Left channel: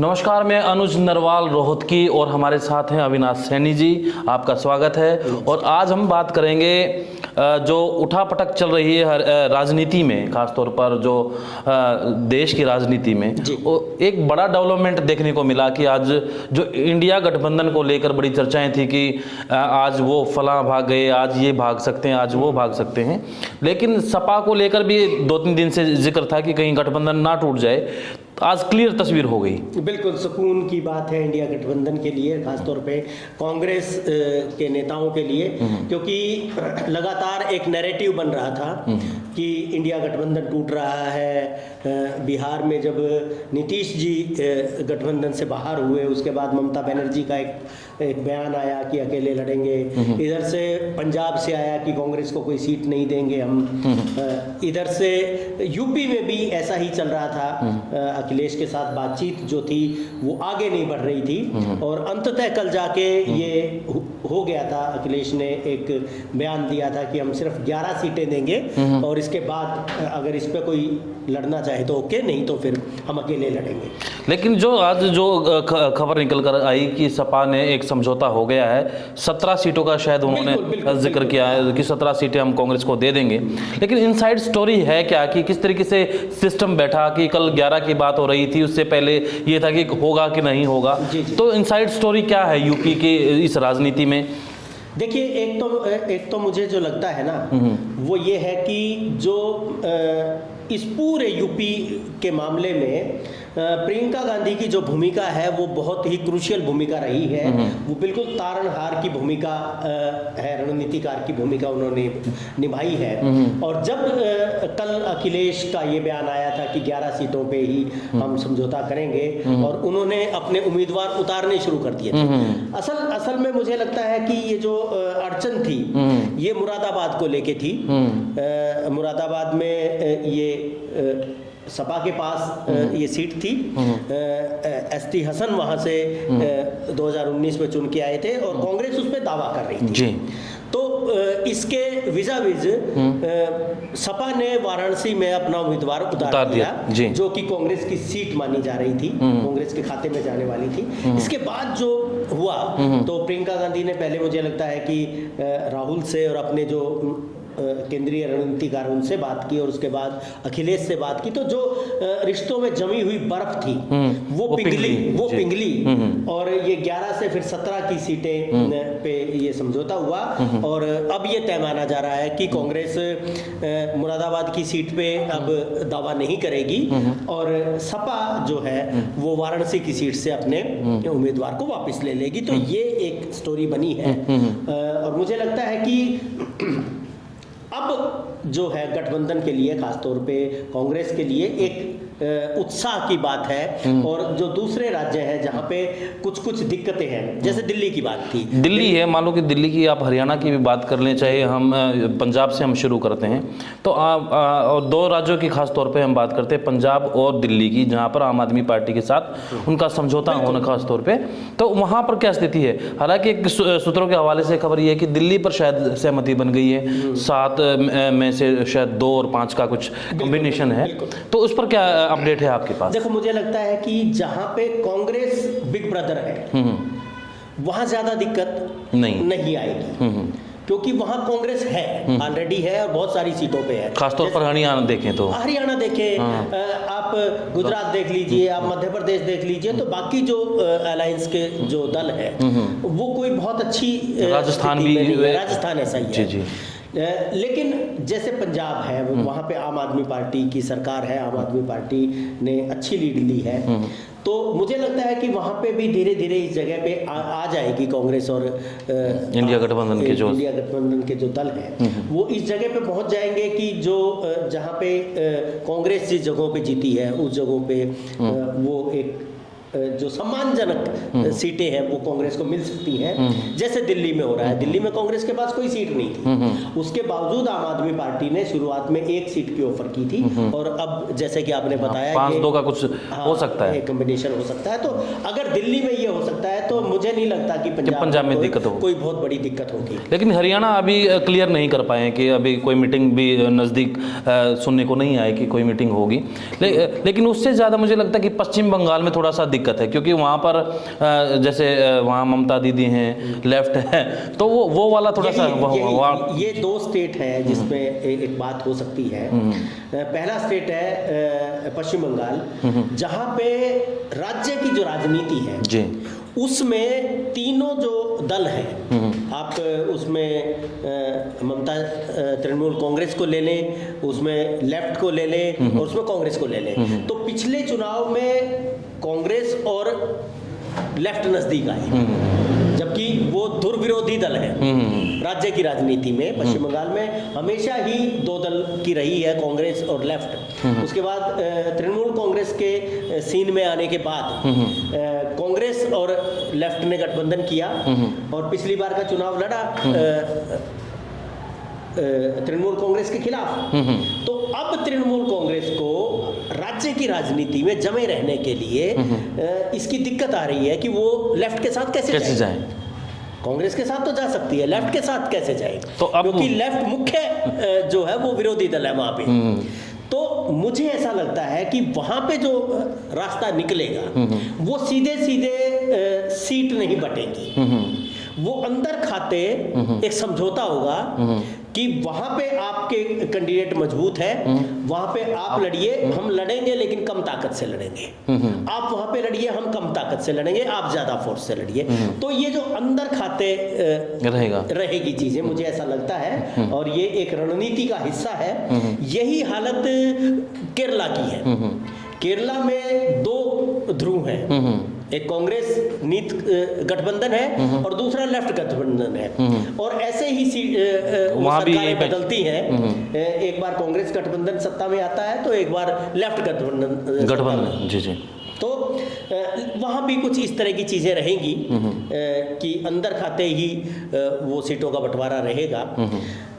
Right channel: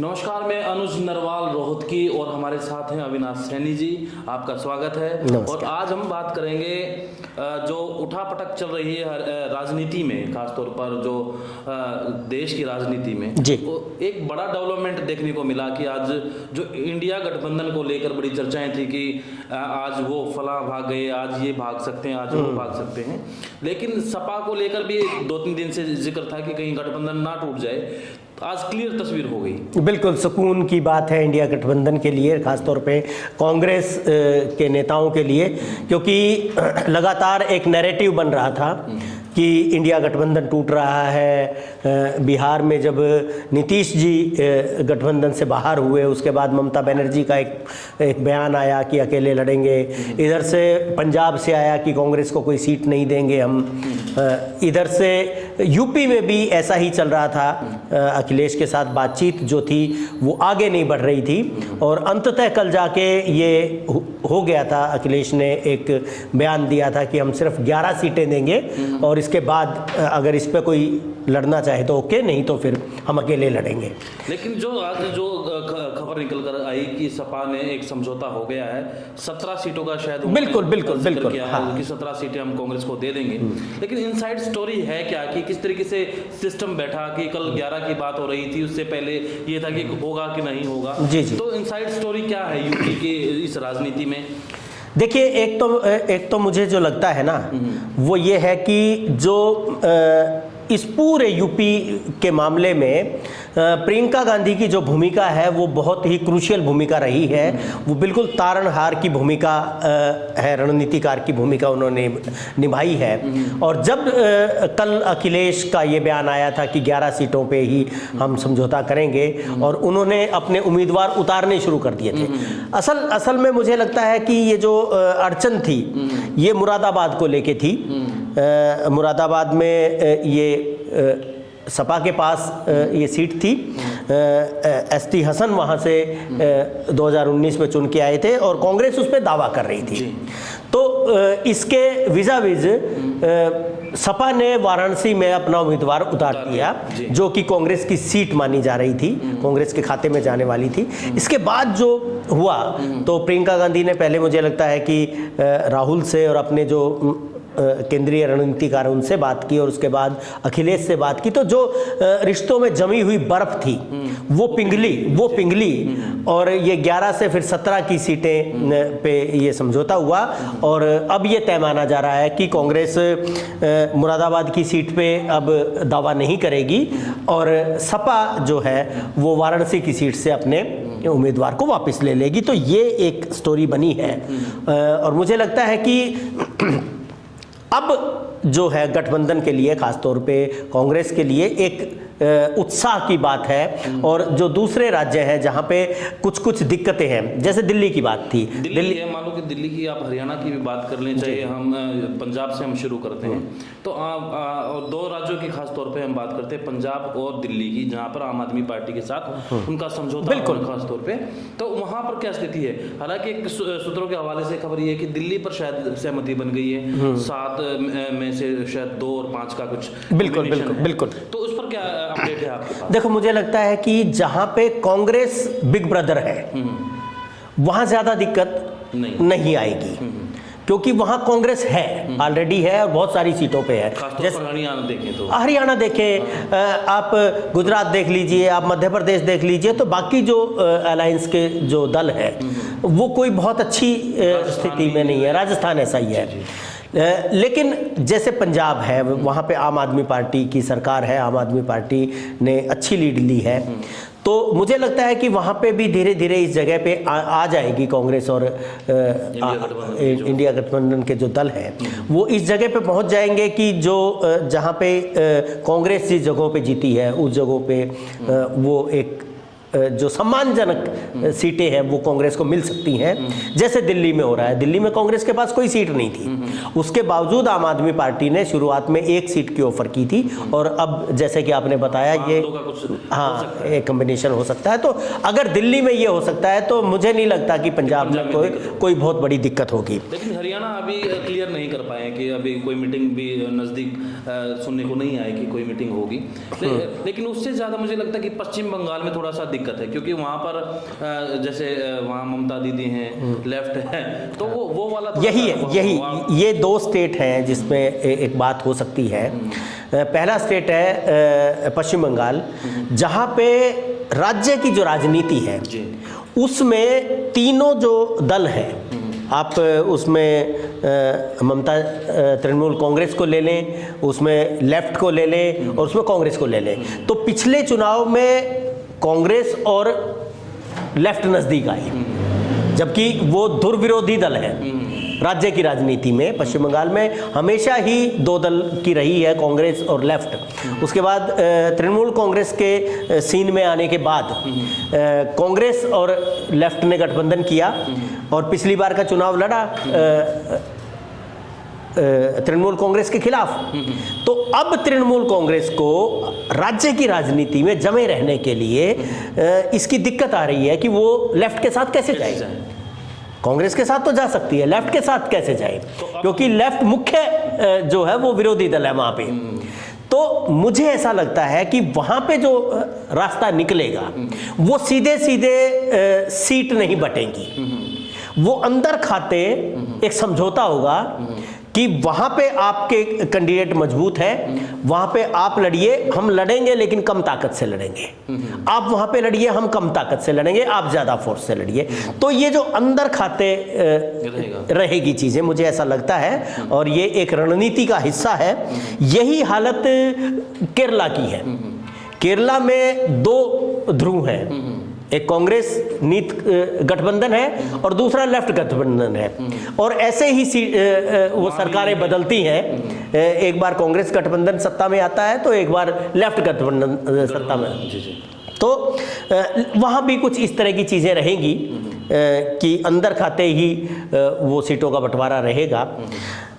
नमस्कार, मैं अनुज नरवाल रोहतकी और हमारे साथ हैं अविनाश सैनी जी। आपका स्वागत है। और आज हम बात करेंगे जो उठापटक चल रही है राजनीति में, खासतौर पर जो देश की राजनीति में एक बड़ा डेवलपमेंट देखने को मिला कि आज जो इंडिया गठबंधन को लेकर बड़ी चर्चाएं थी कि आज वो फलां भाग गए, आज ये भाग सकते हैं, आज वो भाग सकते हैं। लेकिन सपा को लेकर भी 2-3 दिन से जिक्र था कि कहीं गठबंधन ना टूट जाए। आज क्लियर तस्वीर हो गई। बिल्कुल सुकून की बात है इंडिया गठबंधन के लिए, खासतौर पे कांग्रेस के नेताओं के लिए, क्योंकि लगातार एक नैरेटिव बन रहा था कि इंडिया गठबंधन टूट रहा है। बिहार में जब नीतीश जी गठबंधन से बाहर हुए, उसके बाद ममता बनर्जी का एक बयान आया कि अकेले लड़ेंगे। इधर से पंजाब से आया कि कांग्रेस को कोई सीट नहीं देंगे हम। इधर से यूपी में भी ऐसा ही चल रहा था। अखिलेश के साथ बातचीत जो थी वो आगे नहीं बढ़ रही थी और अंततः कल जाके ये हो गया था। अखिलेश ने एक बयान दिया था कि हम सिर्फ 11 सीटें देंगे और इसके बाद अगर इस पे कोई लड़ना चाहे तो ओके, नहीं तो फिर हम अकेले लड़ेंगे। लेकिन जो आज जो खबर निकल कर आई कि सपा ने एक समझौता हो गया है, 17 सीटों का शायद उन्होंने जिक्र किया है कि 17 सीटें हम कांग्रेस को दे देंगे। लेकिन इनसाइड स्टोरी है क्या कि किस तरीके से सिस्टम बैठा कि कल 11 की बात हो रही थी, उससे पहले ये था कि होगा कि नहीं होगा। जी। तो इनसाइड स्टोरी क्या है यूपी की इस राजनीति में? देखिए, एक तो मुझे जो लगता है ना वो ये है कि जो इस पूरे यूपी के मामले में प्रियंका गांधी की जो भूमिका है वो बहुत ही क्रूशियल भूमिका रही है। वो बिल्कुल तारणहार की भूमिका है, रणनीतिकार की भूमिका उन्होंने निभाई है। और जब कल अखिलेश का ये बयान आया था कि 11 सीटों पे ही हम समझौता करेंगे और उन्होंने अपने उम्मीदवार उतारने शुरू कर दिए थे। असल में मुझे लगता है कि ये जो अड़चन थी ये मुरादाबाद को लेके थी। मुरादाबाद में ये सपा के पास ये सीट थी। एसटी हसन वहाँ से 2019 में चुन के आए थे और कांग्रेस उस पर दावा कर रही थी। तो इसके विज़ाविज़ सपा ने वाराणसी में अपना उम्मीदवार उतार दिया, जो कि कांग्रेस की सीट मानी जा रही थी, कांग्रेस के खाते में जाने वाली थी। इसके बाद जो हुआ तो प्रियंका गांधी ने पहले, मुझे लगता है कि राहुल से और अपने जो केंद्रीय रणनीतिकार उनसे बात की और उसके बाद अखिलेश से बात की। तो जो रिश्तों में जमी हुई बर्फ थी वो पिघली और ये 11 से फिर 17 की सीटें पे ये समझौता हुआ। और अब ये तय माना जा रहा है कि कांग्रेस मुरादाबाद की सीट पे अब दावा नहीं करेगी और सपा जो है वो वाराणसी की सीट से अपने उम्मीदवार को वापस ले लेगी। तो ये एक स्टोरी बनी है और मुझे लगता है कि अब जो है गठबंधन के लिए, खासतौर पे कांग्रेस के लिए एक उत्साह की बात है। और जो दूसरे राज्य हैं जहां पे कुछ दिक्कतें हैं, जैसे दिल्ली की बात थी, दिल्ली है, मान लो कि दिल्ली की, आप हरियाणा की भी बात कर लें, चाहे हम पंजाब से हम शुरू करते हैं तो और 2 राज्यों की खास तौर पे हम बात करते हैं, पंजाब और दिल्ली की, जहां पर आम आदमी पार्टी के साथ उनका समझौता होना खास तौर पे। तो वहां पर क्या स्थिति है? हालांकि सूत्रों के हवाले से खबर ये है कि दिल्ली पर शायद सहमति बन गई है, 7 में से शायद 2 और 5 का कुछ कॉम्बिनेशन है। तो उस पर क्या अपडेट है आपके पास? देखो, मुझे लगता है कि जहां पे कांग्रेस बिग ब्रदर है वहां ज्यादा दिक्कत नहीं आएगी, क्योंकि वहां कांग्रेस है, ऑलरेडी है और बहुत सारी सीटों पे है। खासतौर पर हरियाणा देखें तो आप गुजरात देख लीजिए, आप मध्य प्रदेश देख लीजिए, तो बाकी जो अलायंस के जो दल है वो कोई बहुत अच्छी राजस्थान में नहीं है। राजस्थान ऐसा ही है। लेकिन जैसे पंजाब है, वहाँ पे आम आदमी पार्टी की सरकार है, आम आदमी पार्टी ने अच्छी लीड ली है। तो मुझे लगता है कि वहाँ पे भी धीरे धीरे इस जगह पे आ जाएगी कांग्रेस और इंडिया गठबंधन के जो दल हैं वो इस जगह पे पहुँच जाएंगे कि जो जहाँ पे कांग्रेस जिस जगहों पे जीती है उस जगहों पे वो एक जो सम्मानजनक सीटें हैं वो कांग्रेस को मिल सकती हैं, जैसे दिल्ली में हो रहा है। दिल्ली में कांग्रेस के पास कोई सीट नहीं थी, उसके बावजूद आम आदमी पार्टी ने शुरुआत में 1 सीट की ऑफर की थी और अब जैसे कि आपने बताया ये 5-2 का कुछ हो सकता है, एक कॉम्बिनेशन हो सकता है। तो अगर दिल्ली में ये हो सकता है तो मुझे नहीं लगता कि पंजाब में कोई बहुत बड़ी दिक्कत होगी। लेकिन हरियाणा अभी क्लियर नहीं कर पाए कि अभी कोई मीटिंग भी नज़दीक सुनने को नहीं आए कि कोई मीटिंग होगी। लेकिन उससे ज़्यादा मुझे लगता है कि पश्चिम बंगाल में थोड़ा सा दिक्कत है, क्योंकि वहाँ पर जैसे वहाँ ममता दीदी हैं, लेफ्ट है, तो वो वाला थोड़ा ये दो स्टेट हैं जिसमें एक बात हो सकती है। पहला स्टेट है पश्चिम बंगाल, जहाँ पे राज्य की जो राजनीति है जी, उसमें तीनों जो दल हैं, आप उसमें ममता तृणमूल कांग्रेस को ले लें, उसमें लेफ्ट को ले लें और उसमें कांग्रेस को ले लें, तो पिछले चुनाव में कांग्रेस और लेफ्ट नजदीक आए, जबकि वो दुर्विरोधी दल है राज्य की राजनीति में। पश्चिम बंगाल में हमेशा ही दो दल की रही है, कांग्रेस और लेफ्ट। उसके बाद तृणमूल कांग्रेस के सीन में आने के बाद कांग्रेस और लेफ्ट ने गठबंधन किया और पिछली बार का चुनाव लड़ा तृणमूल कांग्रेस के खिलाफ। तो अब तृणमूल कांग्रेस को राज्य की राजनीति में जमे रहने के लिए इसकी दिक्कत आ रही है कि वो लेफ्ट के साथ कैसे जाए। कांग्रेस के साथ तो जा सकती है, लेफ्ट के साथ कैसे जाए, तो क्योंकि लेफ्ट मुख्य जो है वो विरोधी दल है वहां पे। तो मुझे ऐसा लगता है कि वहां पे जो रास्ता निकलेगा वो सीधे सीधे सीट नहीं बटेंगी, वो अंदर खाते एक समझौता होगा कि वहां पे आपके कैंडिडेट मजबूत हैं, वहां पे आप लड़िए, हम लड़ेंगे लेकिन कम ताकत से लड़ेंगे, आप वहां पे लड़िए, हम कम ताकत से लड़ेंगे, आप ज्यादा फोर्स से लड़िए। तो ये जो अंदर खाते रहेगी चीजें, मुझे ऐसा लगता है, और ये एक रणनीति का हिस्सा है। यही हालत केरला की है। केरला में दो ध्रुव है, एक कांग्रेस नीत गठबंधन है और दूसरा लेफ्ट गठबंधन है, और ऐसे ही वो सरकारें बदलती हैं। एक बार कांग्रेस गठबंधन सत्ता में आता है तो एक बार लेफ्ट गठबंधन सत्ता में। जी। तो वहाँ भी कुछ इस तरह की चीज़ें रहेंगी कि अंदर खाते ही वो सीटों का बंटवारा रहेगा।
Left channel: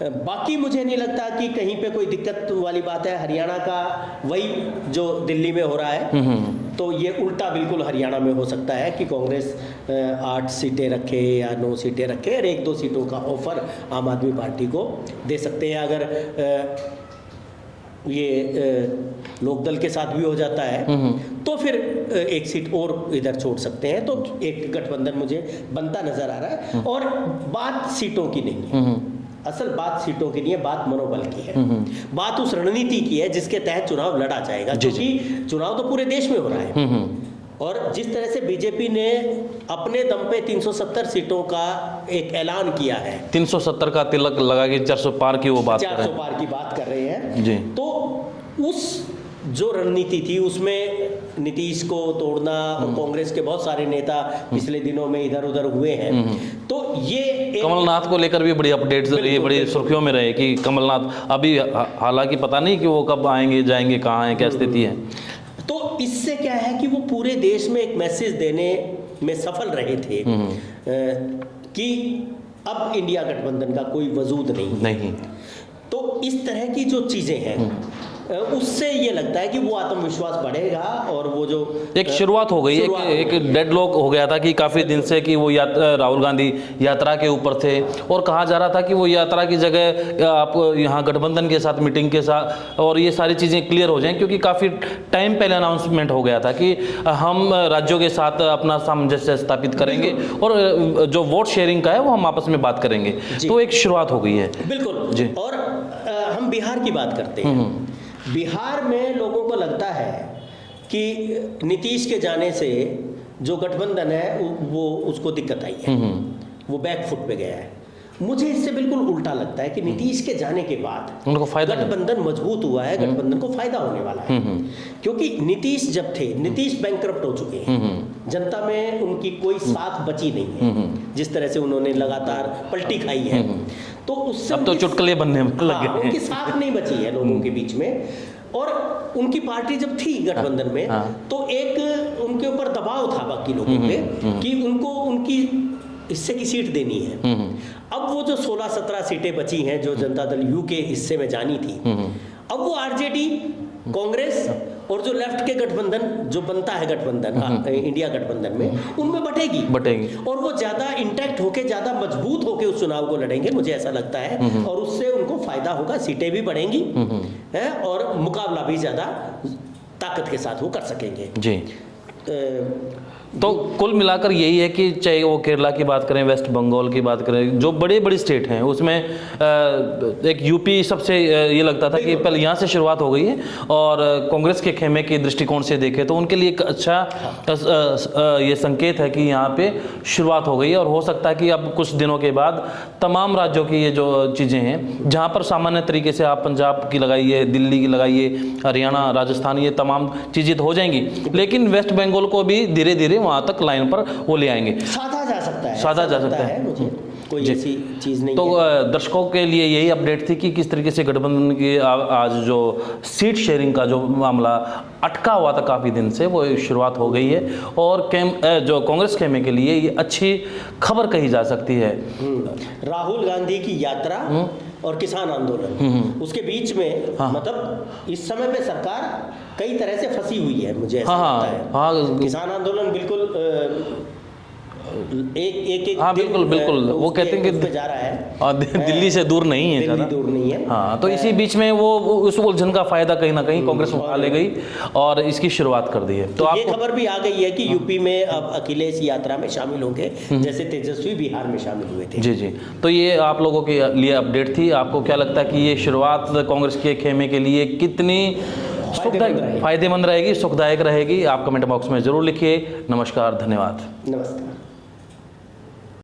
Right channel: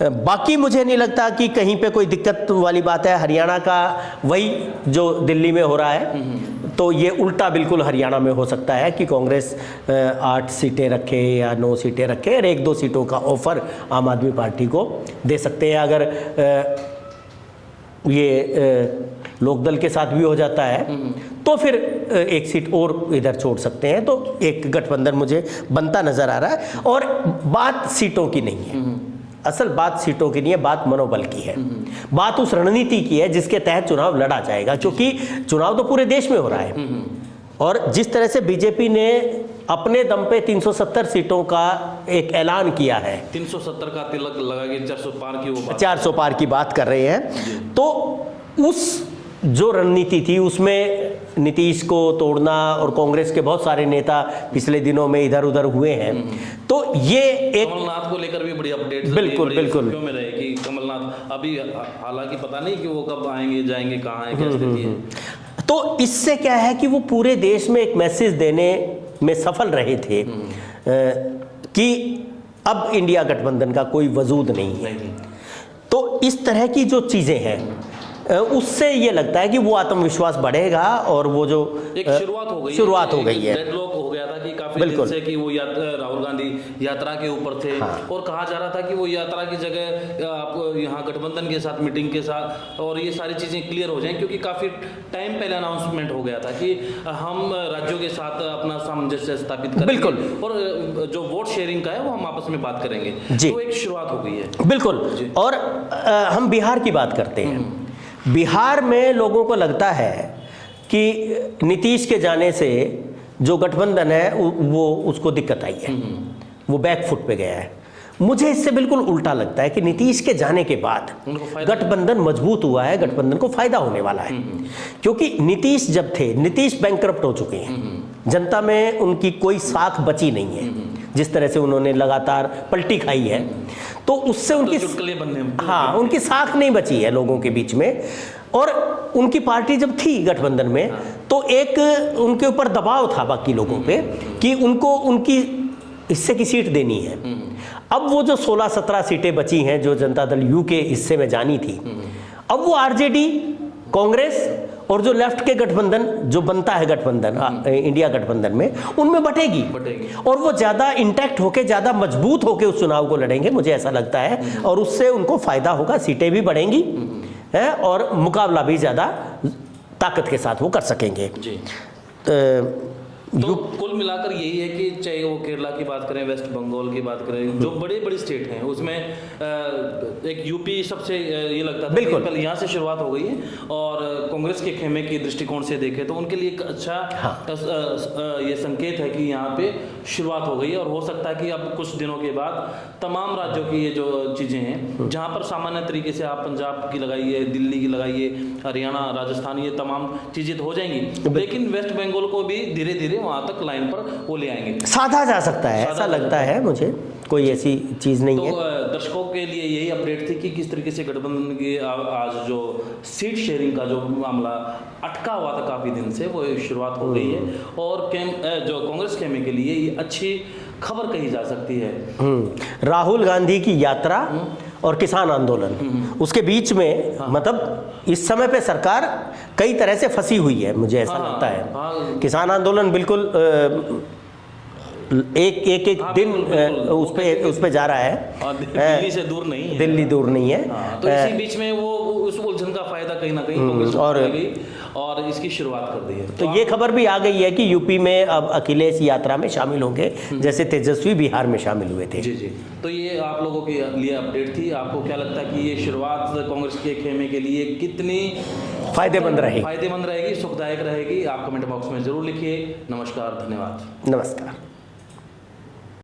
बाकी मुझे नहीं लगता कि कहीं पे कोई दिक्कत वाली बात है। हरियाणा का वही जो दिल्ली में हो रहा है, तो ये उल्टा बिल्कुल हरियाणा में हो सकता है कि कांग्रेस 8 सीटें रखे या 9 सीटें रखे और 1-2 सीटों का ऑफर आम आदमी पार्टी को दे सकते हैं। अगर ये लोकदल के साथ भी हो जाता है तो फिर 1 सीट और इधर छोड़ सकते हैं। तो एक गठबंधन मुझे बनता नजर आ रहा है। और बात सीटों की नहीं है, असल बात सीटों की नहीं है, बात मनोबल की है, बात उस रणनीति की है जिसके तहत चुनाव लड़ा जाएगा। क्योंकि चुनाव तो पूरे देश में हो रहा है, और जिस तरह से बीजेपी ने अपने दम पे 370 सीटों का एक ऐलान किया है, 370 का तिलक लगा के 400 पार की वो बात 400 पार की बात कर रहे हैं। तो उस जो रणनीति थी उसमें नीतीश को तोड़ना, और कांग्रेस के बहुत सारे नेता पिछले दिनों में इधर उधर हुए हैं। तो ये कमलनाथ को लेकर भी बड़ी अपडेट्स रही, बड़ी सुर्खियों में रहे कि कमलनाथ अभी, हालांकि पता नहीं कि वो कब आएंगे जाएंगे, कहाँ हैं, क्या स्थिति है। तो इससे क्या है कि वो पूरे देश में एक मैसेज देने में सफल रहे थे कि अब इंडिया गठबंधन का कोई वजूद नहीं। तो इस तरह की जो चीजें हैं उससे ये लगता है कि वो आत्मविश्वास बढ़ेगा, और वो जो एक शुरुआत हो गई, एक डेडलॉक हो गया था कि काफी दिन से कि वो राहुल गांधी यात्रा के ऊपर थे। और कहा जा रहा था कि वो यात्रा की जगह आप यहाँ गठबंधन के साथ, मीटिंग के साथ, और ये सारी चीजें क्लियर हो जाएं, क्योंकि काफी टाइम पहले अनाउंसमेंट हो गया था कि हम राज्यों के साथ अपना सामंजस्य स्थापित करेंगे और जो वोट शेयरिंग का है वो हम आपस में बात करेंगे। तो एक शुरुआत हो गई है। बिल्कुल जी। और हम बिहार की बात करते हैं। बिहार में लोगों को लगता है कि नीतीश के जाने से जो गठबंधन है वो उसको दिक्कत आई है, वो बैकफुट पे गया है। मुझे इससे बिल्कुल उल्टा लगता है कि नीतीश के जाने के बाद गठबंधन मजबूत हुआ है, गठबंधन को फायदा होने वाला है। क्योंकि नीतीश जब थे, नीतीश बैंकरप्ट हो चुके हैं, जनता में उनकी कोई साख बची नहीं है। जिस तरह से उन्होंने लगातार पलटी खाई है, तो उससे उनकी चुटकुले बनने उनकी साख नहीं बची है लोगों के बीच में। और उनकी पार्टी जब थी गठबंधन में, तो एक उनके ऊपर दबाव था बाकी लोगों पे कि उनको उनकी हिस्से की सीट देनी है। अब वो जो 16-17 सीटें बची हैं जो जनता दल यू के हिस्से में जानी थी, अब वो आरजेडी, कांग्रेस और जो लेफ्ट के गठबंधन जो बनता है गठबंधन इंडिया गठबंधन में, उनमें बटेगी और वो ज्यादा इंटैक्ट होके, ज्यादा मजबूत होके उस चुनाव को लड़ेंगे, मुझे ऐसा लगता है। और उससे उनको फायदा होगा, सीटें भी बढ़ेंगी है, और मुकाबला भी ज्यादा ताकत के साथ वो कर सकेंगे जी। तो कुल मिलाकर यही है कि चाहे वो केरला की बात करें, वेस्ट बंगाल की बात करें, जो बड़े बड़े स्टेट हैं उसमें एक यूपी सबसे ये लगता था कि पहले यहाँ से शुरुआत हो गई है, और कांग्रेस के खेमे के दृष्टिकोण से देखें तो उनके लिए एक अच्छा ये संकेत है कि यहाँ पे शुरुआत हो गई है। और हो सकता है कि अब कुछ दिनों के बाद तमाम राज्यों की ये जो चीज़ें हैं, जहाँ पर सामान्य तरीके से आप पंजाब की लगाइए, दिल्ली की लगाइए, हरियाणा, राजस्थान, ये तमाम चीज़ें तो हो जाएंगी, लेकिन वेस्ट बंगाल को भी धीरे धीरे वहां तक लाइन पर वो ले आएंगे, साधा जा सकता है, साधा जा सकता है मुझे कोई ऐसी चीज नहीं तो है। दर्शकों के लिए यही अपडेट थी कि किस तरीके से गठबंधन की आज जो सीट शेयरिंग का जो मामला अटका हुआ था काफी दिन से, वो शुरुआत हो गई है, और जो कांग्रेस खेमे के लिए ये अच्छी खबर कही जा सकती है। राहुल गांधी की यात्रा और किसान आंदोलन, उसके बीच में मतलब इस समय पे सरकार कई तरह से फंसी हुई है, मुझे ऐसा लगता है। किसान आंदोलन बिल्कुल एक दिन बिल्कुल वो कहते हैं कि उस पे जा रहा है, दिल्ली से दूर नहीं है, दिल्ली दूर नहीं है। हाँ, तो इसी बीच में वो उस उलझन का फायदा कहीं ना कहीं कांग्रेस और ले गई और इसकी शुरुआत कर दी है। तो ये खबर भी आ गई है कि यूपी में अब अखिलेश यात्रा में शामिल होंगे, जैसे तेजस्वी बिहार में शामिल हुए थे। जी जी, तो ये आप लोगों के लिए अपडेट थी। आपको क्या लगता है कि ये शुरुआत कांग्रेस के खेमे के लिए कितनी फायदेमंद रहेगी, सुखदायक रहेगी? आप कमेंट बॉक्स में जरूर लिखिए। नमस्कार, धन्यवाद। नमस्कार।